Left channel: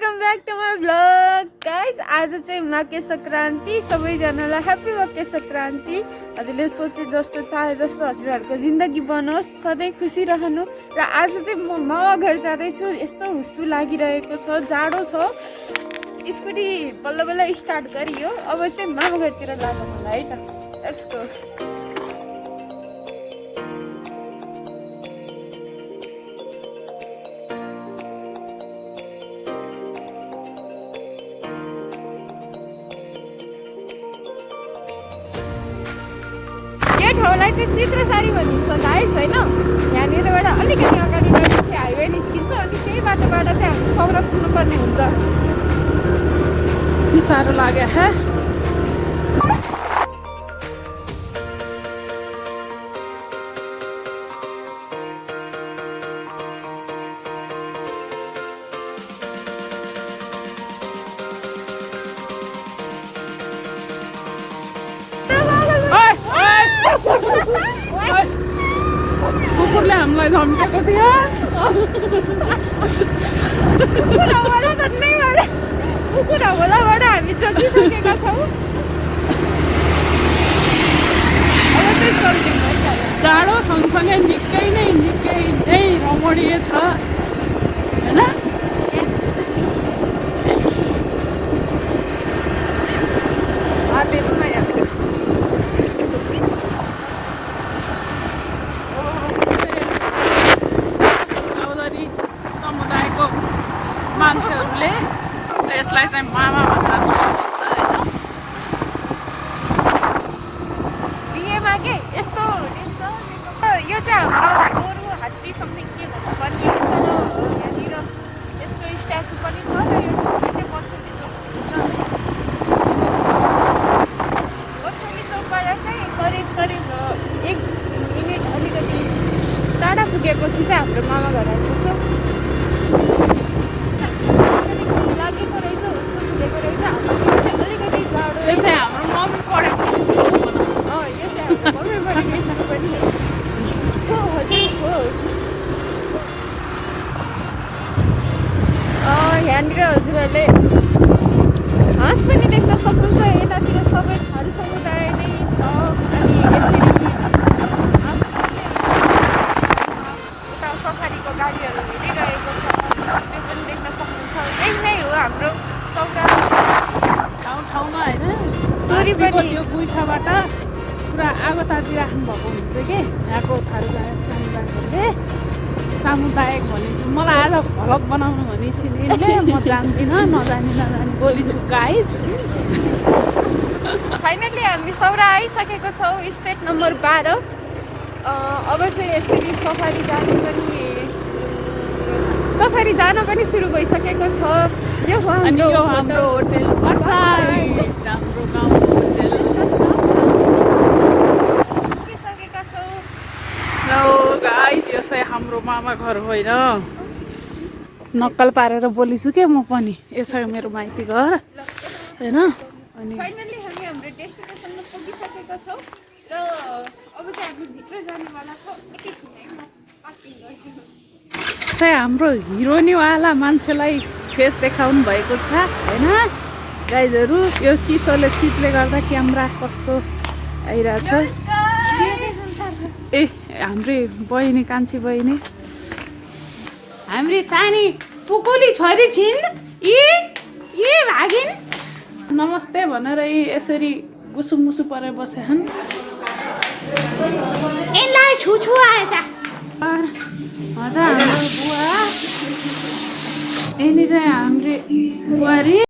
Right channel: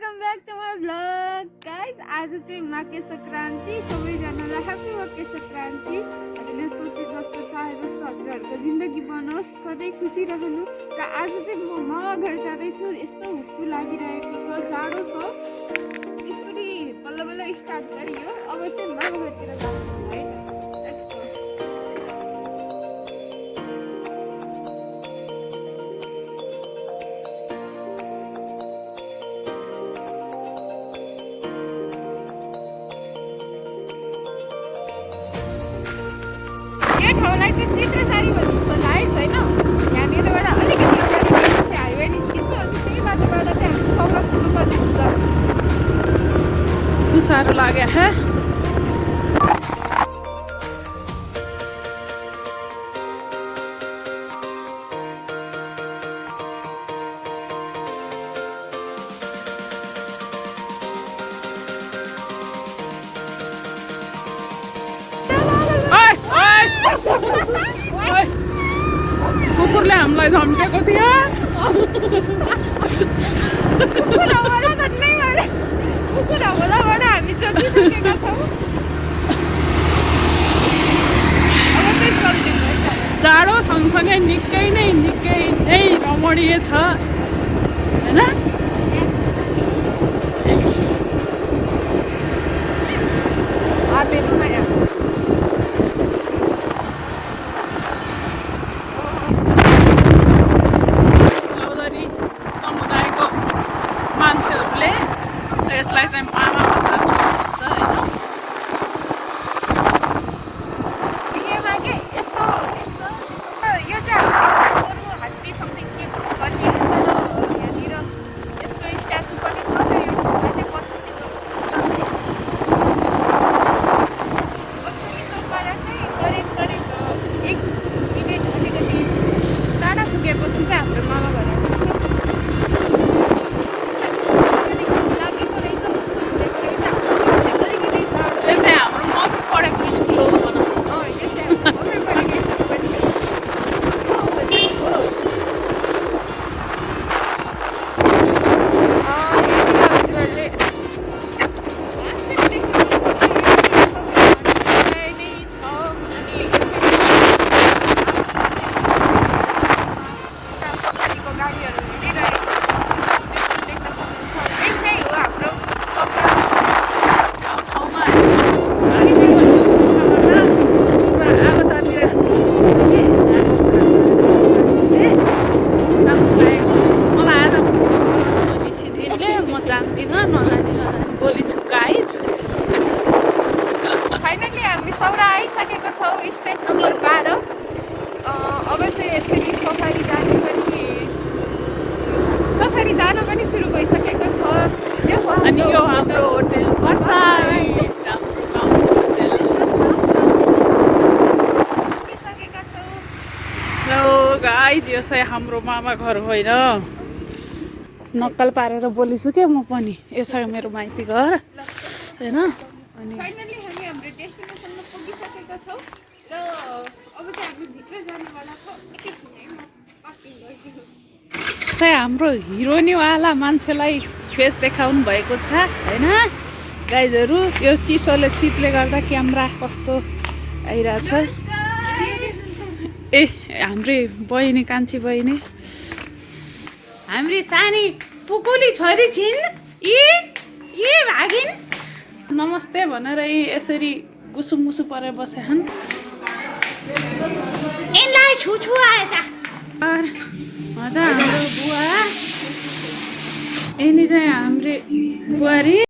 Welcome back to my blog guys. आज चाहिँ मकर सङ्क्रान्ति, सबैजनालाई ह्याप्पी मकर सङ्क्रान्ति। हजुरले सोचे जस्तो चाहे जस्तो हजुरहरूको जिन्दगी बनोस्, सधैँ खुसी रहनु। र आज चाहिँ म मामा घर जाँदैछु। यस्तो हुस्सु लागिरहेको छ, जाडो छ। स्कुटी बल्ल बल्ल स्टार्ट गरियो। अब चाहिँ मामा घरतिर जानु होला है त। Let's go. ठाउँलाई चाहिँ चित्रसारी भनिन्छ गाइस होइन। यहाँनिरबाट अलिकति अगाडि गएपछि हाइवे निस्किन्छ अनि त्यही बाटोबाट चाहिँ हामी सौरा पुग्नुपर्ने हुन्छ। यति साह्रो लाग्यो है। कुकुरले हामीलाई धम्केको थियो। कुकुर हमलाबाट हामी जोगिसकेका छौँ। जाडो सँगसँगै निकै नै रमणीय छ होइन। समुदायको मान्छेहरूले यसलाई चाहिँ मामा भनेर छोड्नुहुन्छ होइन। बिहेमा के यस्तो यो चाहिँ हाम्रो गोरु हात्ती समथिङ के भन्ने यहाँनिर यसको स्ट्याचु पनि छ। र यो चाहिँ बत्सोली चोकबाट चाहिँ करिब 1 मिनट अलिकति टाढा पुगेपछि चाहिँ हाम्रो मामा घर आइपुग्छ। म जान्दिनँ, नजानी बोली छु गाइज। फाइनली हामी सौरा आइसकेको छौँ, स्टेट नम्बर 12। अब चाहिँ यसरी सफारी जान पनि सुरु भइसकेको छ। अनि यो हाम्रो होटेल हाम्रो गाउँ होटेल पुगिसकेका छौँ। र गाइज यो चाहिँ हाम्रो मामा घर होइन। नक्कल पारेर बोलिछु के म पनि। यसो मेरो माइती घर होइन। अनि फाइनली हामी हाम्रो डेस्टिनेसनमा पुगिसकेका छौँ। र अब चाहिँ हामी भित्र जानुवाला छौँ। चाहिँ हाम्रो हिरोनीवाला मान्छेलाई फेस देखाउनु भएको छ होइन गाइजहरू। यो चिसोले शीतले गर्दा क्यामेरा कस्तो आइरहेछ। ए हाम्रै बहिनी, कान्छी बहिनी, हाम्री सानी पुकुली छोरी छिन्। यी भागिन् नमस्ते भनेर यसरी गुसुमुसु परेर बसेछन्। यसलाई छुछु आएछ हाम्रो बुवा। यिनी चाहिँ हाम्री बुहारी।